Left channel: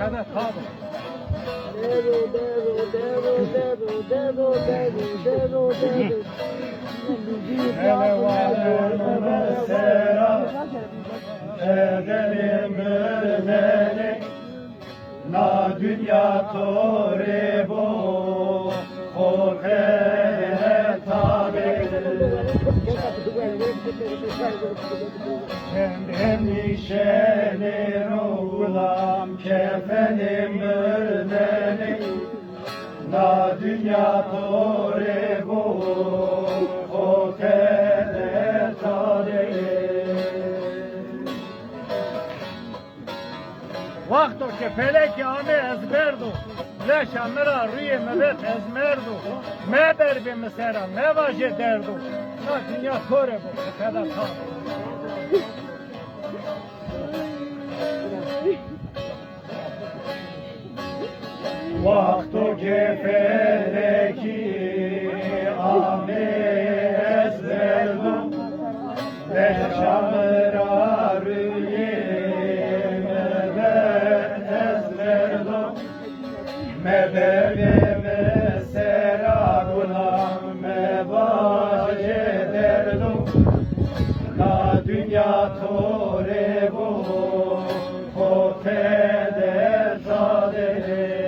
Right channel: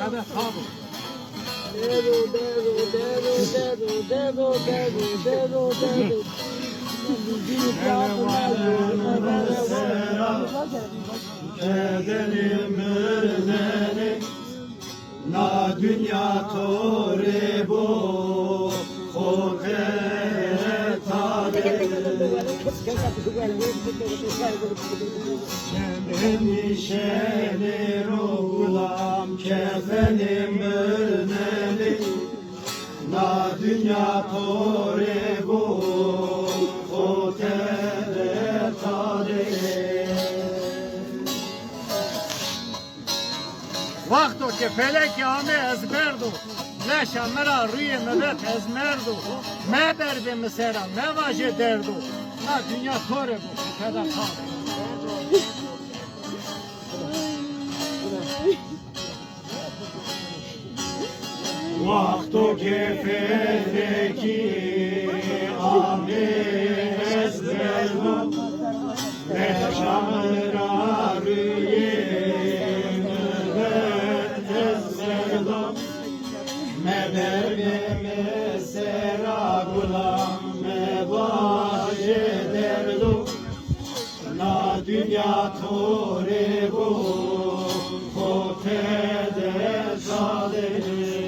Kada tabi. Elevanın selam edelim beni na dünya tore bu hotere tabi endişeli oğlam kefenim beni na dünya tore bu hotere tabi وقتو که فلک همه از بردو لشا مرا روی ملت از مردو ما بردیم سرم ما واجه دردو نه دنیا توره بود کدا تا وقتو که فلکی همه از بردو لشا مرا روی Mebevim sera gulam mevaje derdu na dünya tore bu kofede zadele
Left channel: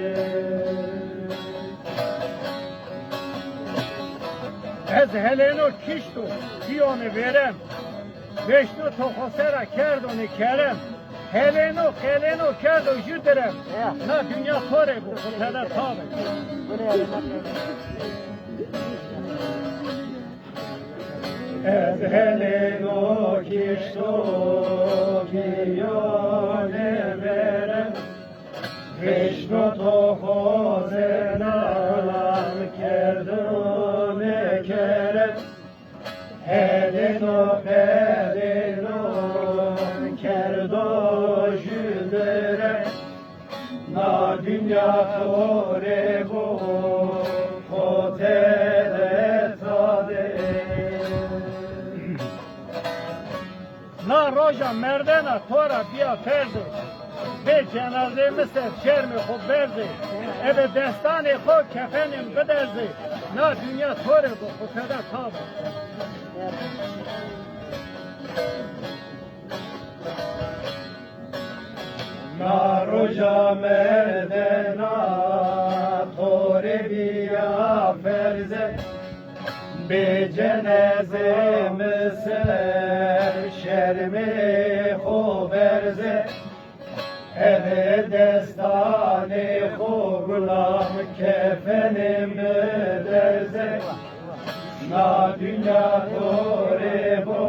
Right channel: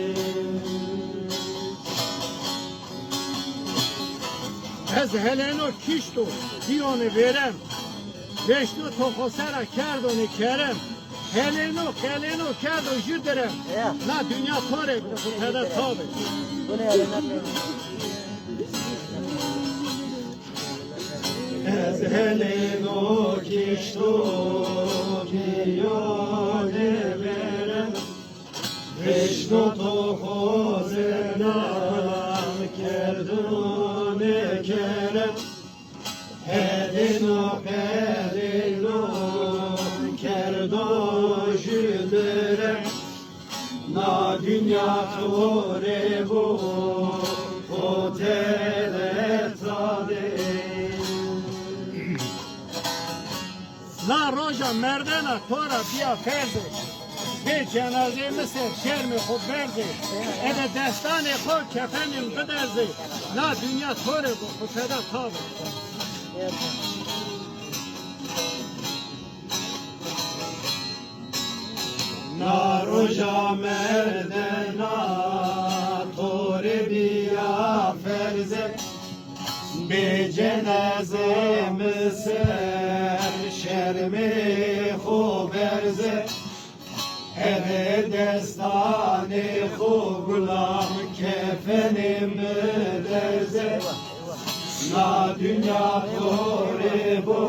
از هلینو کشتو دیانه برم وشتو تا خسرا کردونه کرم هلینو کرد و جو درم نه دنیا توره بود کدا تابه Ez heleno kişto giyone verem Vişno to hozenalan kerdone kerem Heleno perino kerdo jüderem Na dünya tore bu hotere tade نه روژا مردنا تورا بیا فرده به جنازه مثل شرم خوب برده اده دستان خود کفنیم بدرزه نه دنیا توره با خودتا تابه Na roja merdena tore biya ferze Be cenaze miser şermi xuberze Eve destane xugulam kefenim derze Na dünya tore bu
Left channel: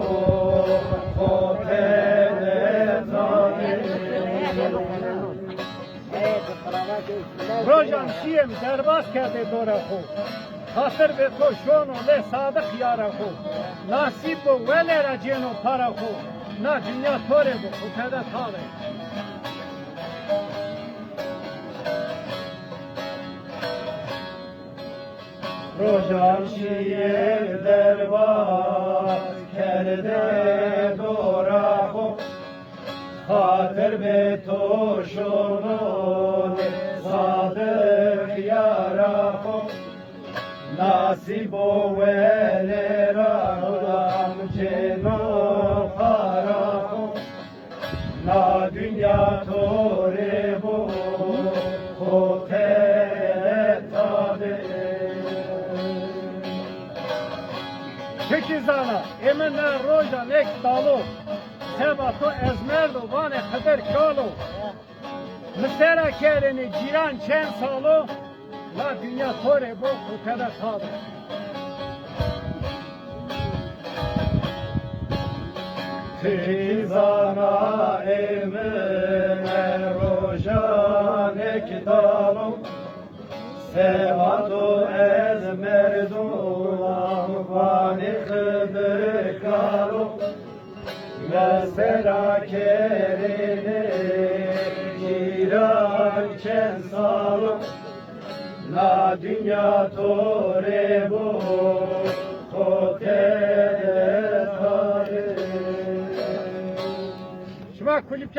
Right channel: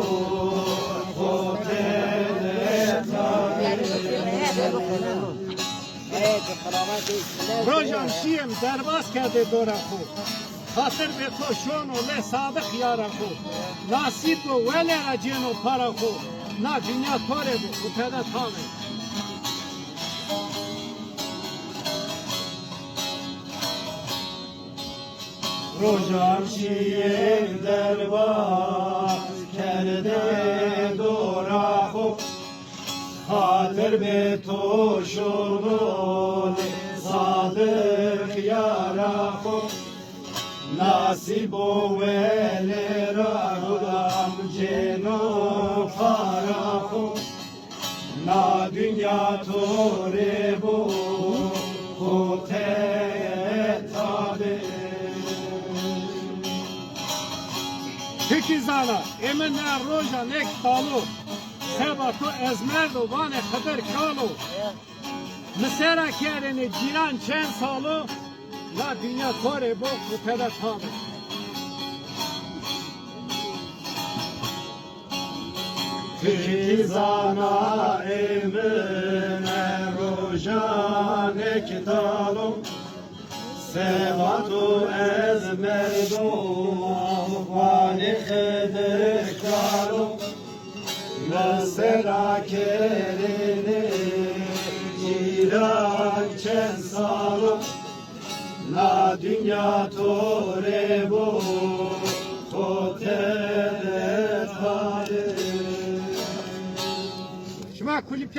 hotere tabi روژان شیم درباز کرده دورا خود خاطر به تو شون و له صادق یارا خود نصیب و ولی را جین و پارا خود نه دنیا توره بود خودتا تابه Rojam şiir derbaz kerde dora khub Khatir be to shonod sadık yara khub Nasib o vele radam ceno para khub Na dünya tore bu hotere tabe Tekizana, emine roja nek dalu, seba to ezmerdo vane khader kalu. Misera kereni ciran çen salu, la dünya tore bu kuteda tabi. Tekizana, emine roja nek dalu, Sevatu ezmerdu vani khidkaru Mesela kerini ciran çen salu La dünya tore bu hotel tare Şuma kulüp